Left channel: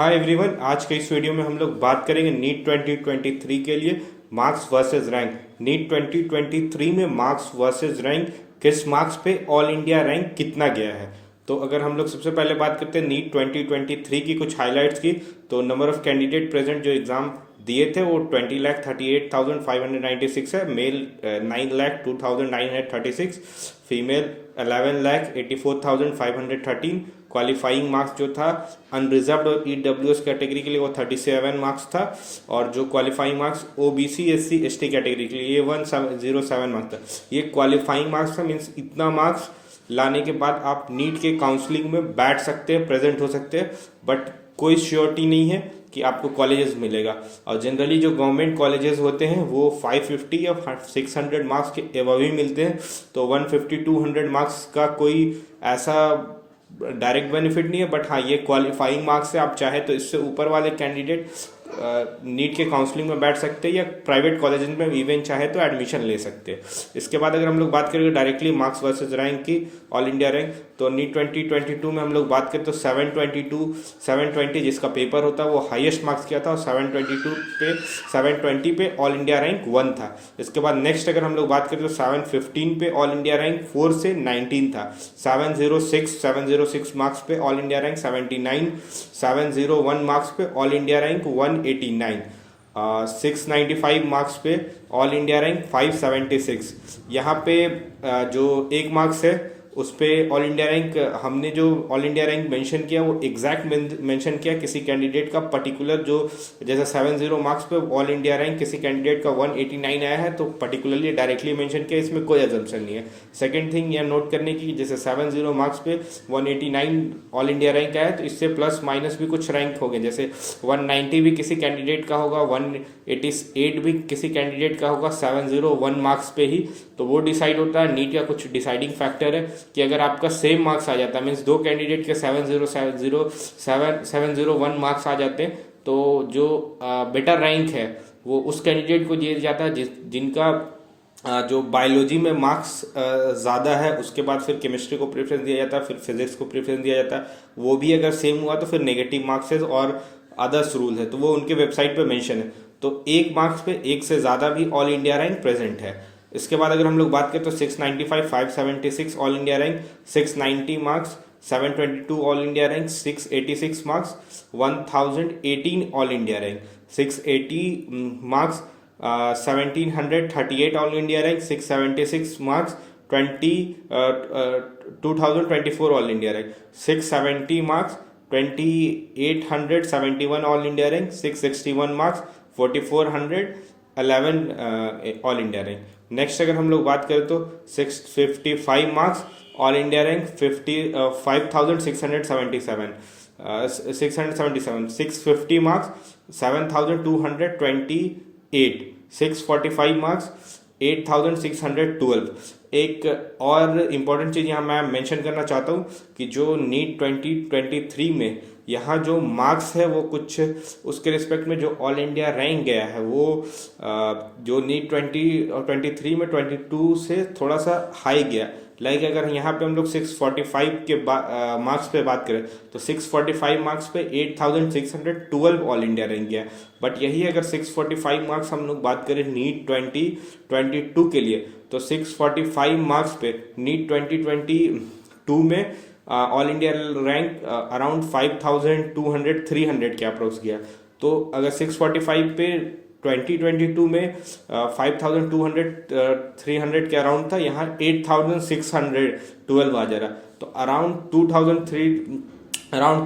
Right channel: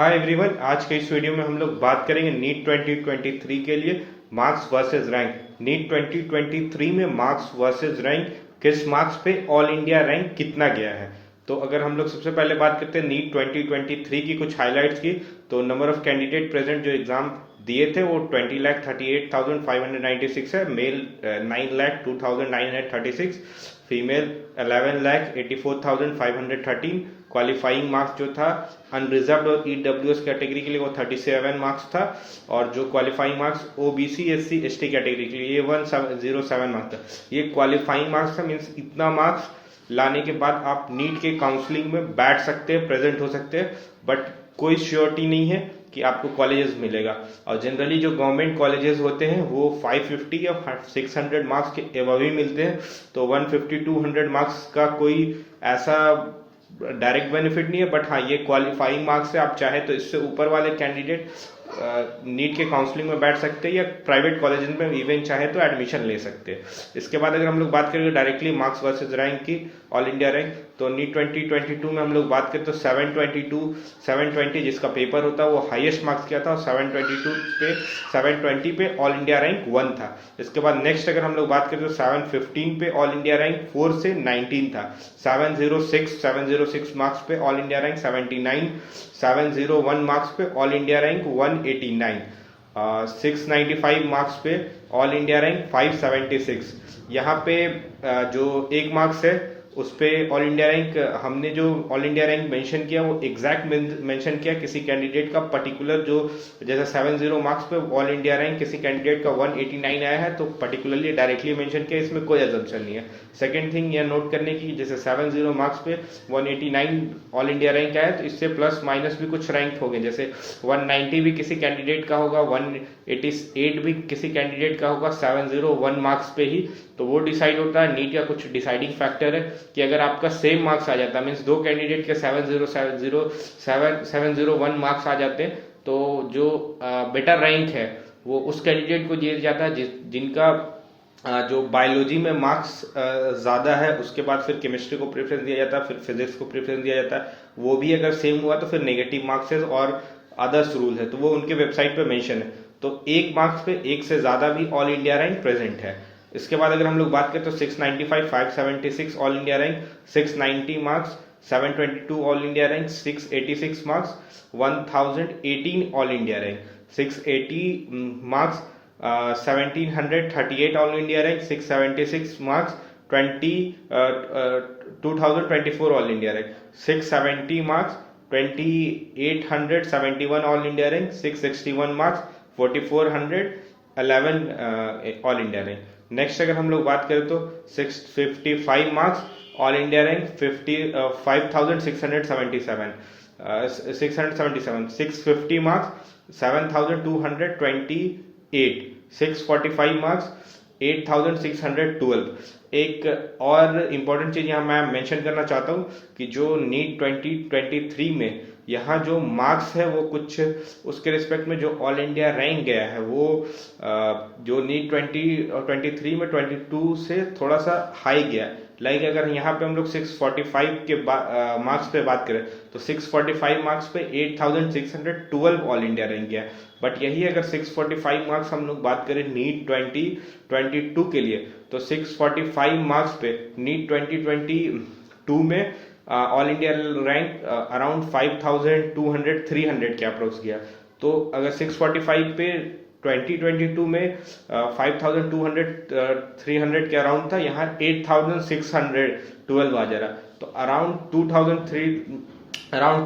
Hi everyone, आज के इस वीडियो में हम लोग बात करेंगे नीट 2023 के लिए मार्क्स वर्सेस रैंक। नीट 2023 में मार्क्स वर्सेस रैंक, किस मार्क्स पे ऑल इंडिया रैंक कितना गया है। तो अगर हम लोग सबसे पहले बात करते हैं नीट 2023 की कुछ हाइलाइट्स की, तो नंबर ऑफ कैंडिडेट प्रेजेंट जो एग्जाम दिए थे वो 20,38,596 है। Mail 9,02,936, female 11,84,513। क्वालिफाइंग मार्क्स जो था अनरिजर्व्ड और ईडब्ल्यूएस कैटेगरी के लिए वो 37 मार्क्स था, और जो qualifying marks OBC SC ST category के लिए ये 107 मार्क्स था। ये क्वालिफाइंग मार्क्स था, मीन्स इतना मार्क्स लाने के बाद आप नीट के काउंसलिंग में बैठ सकते हैं, प्रेजेंट हो सकते हैं, बट कोई श्योरिटी नहीं है कि आपको कॉलेजेस मिलेगा। और जनरली जो गवर्नमेंट कॉलेजेस होते हैं वो 550 या 600 मार्क्स के एवं ही मिलते हैं, तो 150-200 मार्क्स का कोई ऐसा डायरेक्ट बेनिफिट नहीं है। बट हाँ, ये क्वालिफाइंग मार्क्स से आप चाहे तो इससे ऊपर वाले कैंडिडेट नीट के काउंसलिंग में बैठ सकते हैं, या प्राइवेट कॉलेज में इवन चाहे तो एडमिशन ले सकते हैं। इसके बाद अगर हम लोग बात करेंगे डायरेक्टली मार्क्स वर्सेस रैंक की, ऑल इंडिया रैंक, तो नीट 2022 में हम लोग बात करें तो 720 जिसका पेपर होता है वो हाईएस्ट मार्क्स किया था, और 720 पे ऑल इंडिया रैंक 1 था। इसके बाद नेक्स्ट अगर हम लोग बात करें तो 715 पे ऑल इंडिया रैंक 4 से 19 था। 706 मार्क्स पे ऑल इंडिया रैंक 79, 701 मार्क्स पे ऑल इंडिया रैंक 189, 695 मार्क्स पे ऑल इंडिया रैंक 576। यहाँ पे जो 1 मार्क्स है उस पे ऑल इंडिया रैंक, हमने जो ऑल इंडिया रैंक मेंशन किया वो एग्जैक्ट मेंशन किया किसी कैंडिडेट का पर्टिकुलर, जो जैसे 70 मार्क्स पे ऑल इंडिया रैंक किसी कैंडिडेट का 189 आया है तो पर्टिकुलरली डायरेक्टली मेंशन किया, इसमें कोई एजम्पशन नहीं है। सेकंड थिंग यह नोट करने की, जैसे 70 मार्क्स पे 189 ऑल इंडिया रैंक आया तो इससे प्लस माइनस भी कुछ रैंक हो गए, जैसे 190 भी किसी कैंडिडेट का होगा, 188 भी किसी कैंडिडेट का होगा 701 मार्क्स पे ही। तो वो डिसाइड होता है, नीट का कुछ डिसाइडिंग फैक्टर है कि अगर आपका सेम मार्क्स आ जाता है, मीन्स दो कैंडिडेट के 701 मार्क्स आ जाते हैं, तो जो बेटर रैंक है वो उस कैंडिडेट को दिया जाता है जिनका जो बायोलॉजी में मार्क्स ज़्यादा है। उसके बाद फिर केमिस्ट्री को प्रेफरेंस दिया जाता है, फिर फिजिक्स को प्रेफरेंस दिया जाता है। वो भी अगर सेम हुआ तो फिर नेगेटिव मार्क्स है और अदर्स रूल है, तो वो उनके वेबसाइट पे मेंशन है। तो 1 मार्क्स पे 1 से ज़्यादा भी ऑल इंडिया रैंक प्रेजेंट है। इसके बाद अगर हम लोग बात करें तो 695 576 all India rank, 690 marks, 722 all India rank, 686 marks, 1018 all India rank, 680 marks, 1738 all India rank, 676 marks, 2024 all India rank, 670 marks, 2871 all India rank, 661 marks, 4411 all India rank. Next अगर हम लोग बात करें तो 655 marks all India rank, 5677 650 marks, 7228, 645 marks, 8612। एक और important चीज़ यहाँ मैं मेंशन करना चाहता हूँ कि जो नीट 2023 में यहाँ जो मार्क्स है वो कुछ उसके रिस्पेक्ट में जो ऑल इंडिया रैंक गया है वो जो नीट 2023 में 22 से थोड़ा सा हाई गया। लाइक अगर यहाँ पे हम लोग 645 के मार्क्स पे बात करें तो 645 मार्क्स पे 8612 ऑल इंडिया रैंक गया। बट यही अगर 645 मार्क्स हम लोग बात करें नीट 2022 के लिए, तो 645 मार्क्स पे नीट 2022 में ऑल इंडिया रैंक अराउंड 5200-300 के अप्रोक्स गया। तो अगर 645 पे 2022 में 5200-300 के अराउंड था, यहाँ 8612 आ जा रहा, तो अराउंड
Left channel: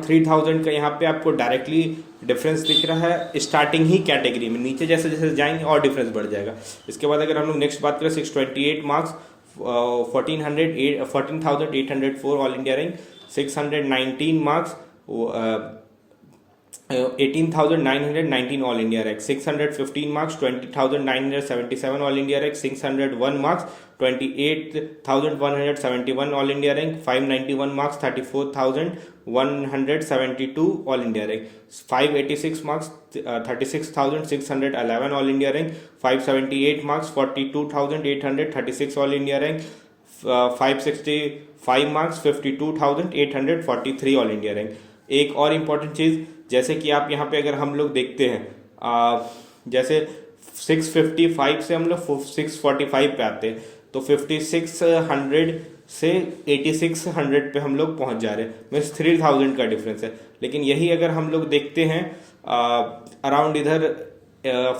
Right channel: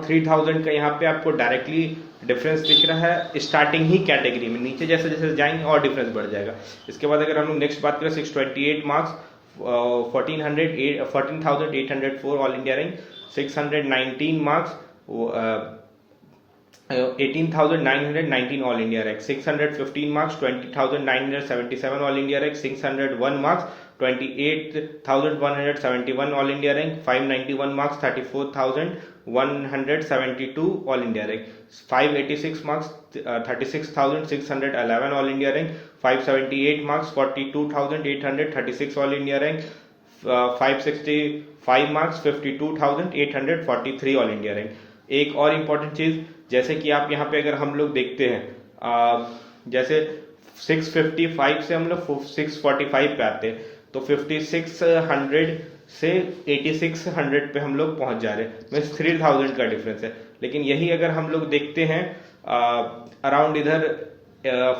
3000 का यहाँ पे आपको डायरेक्टली डिफरेंस दिख रहा है स्टार्टिंग ही कैटेगरी में। नीचे जैसे जैसे जाएंगे और डिफरेंस बढ़ जाएगा। इसके बाद अगर हम लोग नेक्स्ट बात करें 628 marks, 14,804 all India rank, 619 marks, 18,919 all India rank, 615 marks, 20,977 all India rank, 601 marks, 28,171 all India rank, 591 marks, 34,172 all India rank, 586 marks, 36,611 all India rank, 578 marks, 42,836 all India rank, 565 marks, 52,843 all India rank. एक और important चीज़ जैसे कि आप यहाँ पे अगर हम लोग देखते हैं जैसे 655 से हम लोग 645 पे आते हैं, तो 5600 से 8600 पे हम लोग पहुंच जा रहे हैं, मीन्स 3000 का डिफरेंस है। लेकिन यही अगर हम लोग देखते हैं अराउंड इधर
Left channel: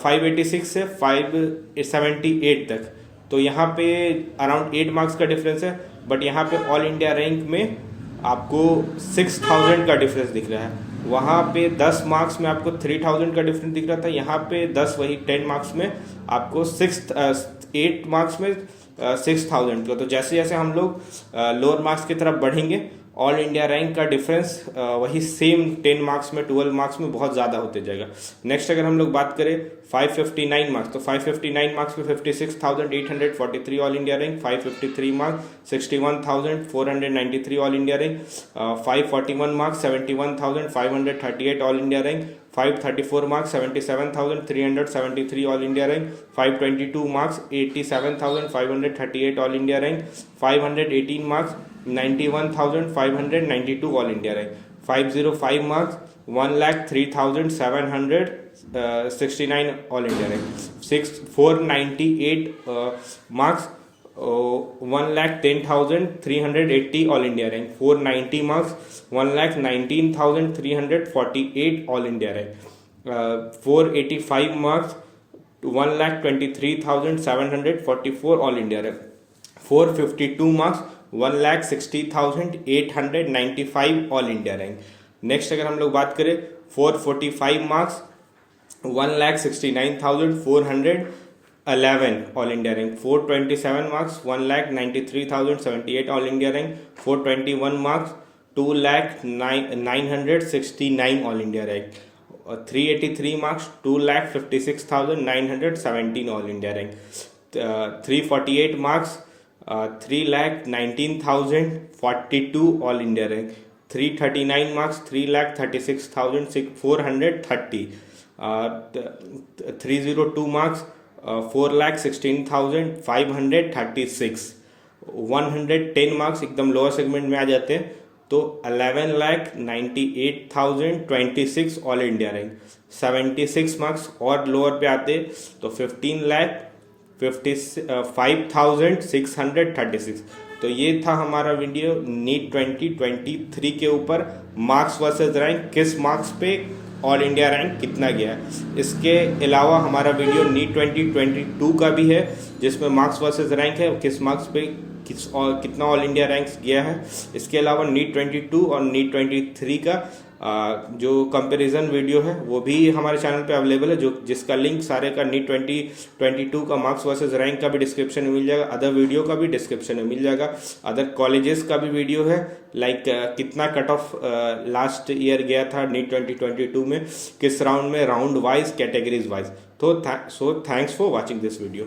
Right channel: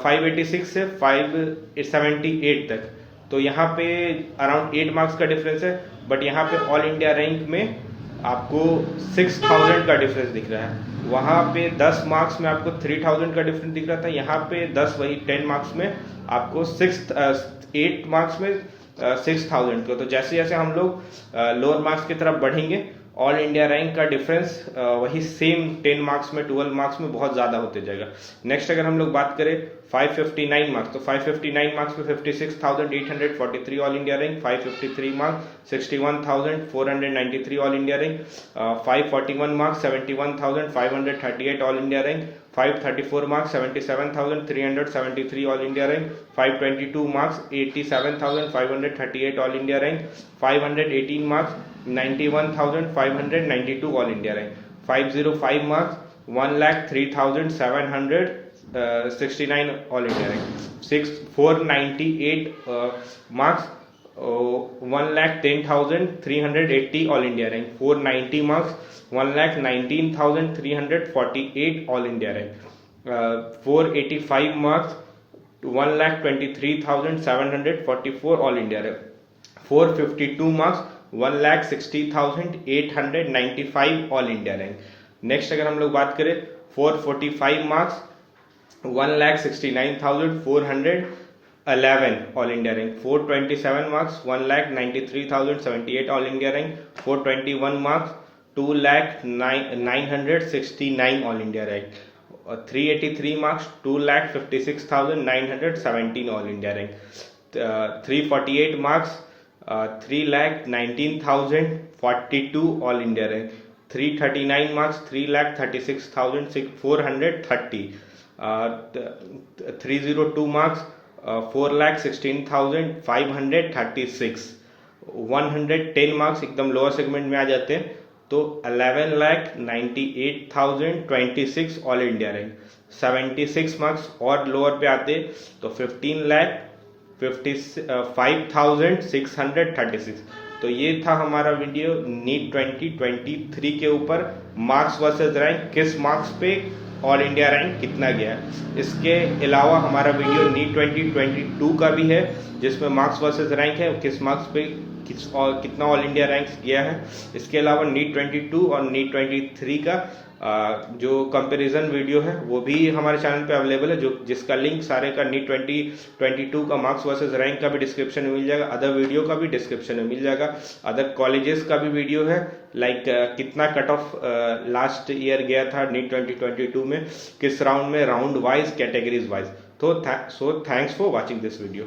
586 से 578 तक, तो यहाँ पे अराउंड 8 मार्क्स का डिफरेंस है। बट यहाँ पे ऑल इंडिया रैंक में आपको 6000 का डिफरेंस दिख रहा है। वहाँ पे 10 मार्क्स में आपको 3000 का डिफरेंस दिख रहा था, यहाँ पे 10 मार्क्स में आपको 8 मार्क्स में 6000 का। तो जैसे जैसे हम लोग लोअर मार्क्स की तरफ बढ़ेंगे, ऑल इंडिया रैंक का डिफरेंस वही सेम 10 मार्क्स में 12 मार्क्स में बहुत ज़्यादा होते जाएगा। नेक्स्ट अगर हम लोग बात करें 559 मार्क्स, तो 559 मार्क्स में 56,843 all India rank, 553 marks 61,493 all India rank, 541 marks 71,538 all India rank, 534 marks 77,373 all India rank, 522 marks 87,538 all India rank, 518 marks 91,592 all India rank, 505 marks 1,03,769 all India rank, 498 marks 1,10,380 all India rank, 490 marks 1,19,348 all India rank, 485 marks 1,23,744 all India rank, 452 marks 1,60,895 all India rank. Next अगर हम लोग बात करें 445 marks 1,69,411 all India rank, 427 marks 1,93,078 all India rank, 421 marks 2,09,969 all India rank, 383 marks 2,56,917 all India rank, 348 marks 3,19,042 all India rank, 339 marks 3,36,430, 302 marks 4,16,536, 110 marks एकदम lower segment में आ जाते हैं तो 11,98,026 ऑल इंडिया रैंक, 76 मार्क्स और लोअर पे आते तो 15,55,636। तो ये था हमारा वीडियो नीट 2023 के ऊपर, मार्क्स वर्सेस रैंक, किस मार्क्स पे ऑल इंडिया रैंक कितना गया। इसके अलावा हमारा वीडियो नीट 2022 का भी है, जिसमें मार्क्स वर्सेस रैंक है, किस मार्क्स पे कितना ऑल इंडिया रैंक्स गया है। इसके अलावा नीट 22 और नीट 23 का जो कंपैरिजन वीडियो है वो भी हमारे चैनल पे अवेलेबल है, जिसका लिंक सारे का नीट 2022 का मार्क्स वर्सेस रैंक का भी डिस्क्रिप्शन में मिल जाएगा, अदर वीडियो का भी डिस्क्रिप्शन में मिल जाएगा, अदर कॉलेजेस का भी वीडियो है, लाइक कितना कट ऑफ लास्ट ईयर गया था नीट 2022 में, किस राउंड में, राउंड वाइज, कैटेगरीज वाइज। तो thanks for watching this video.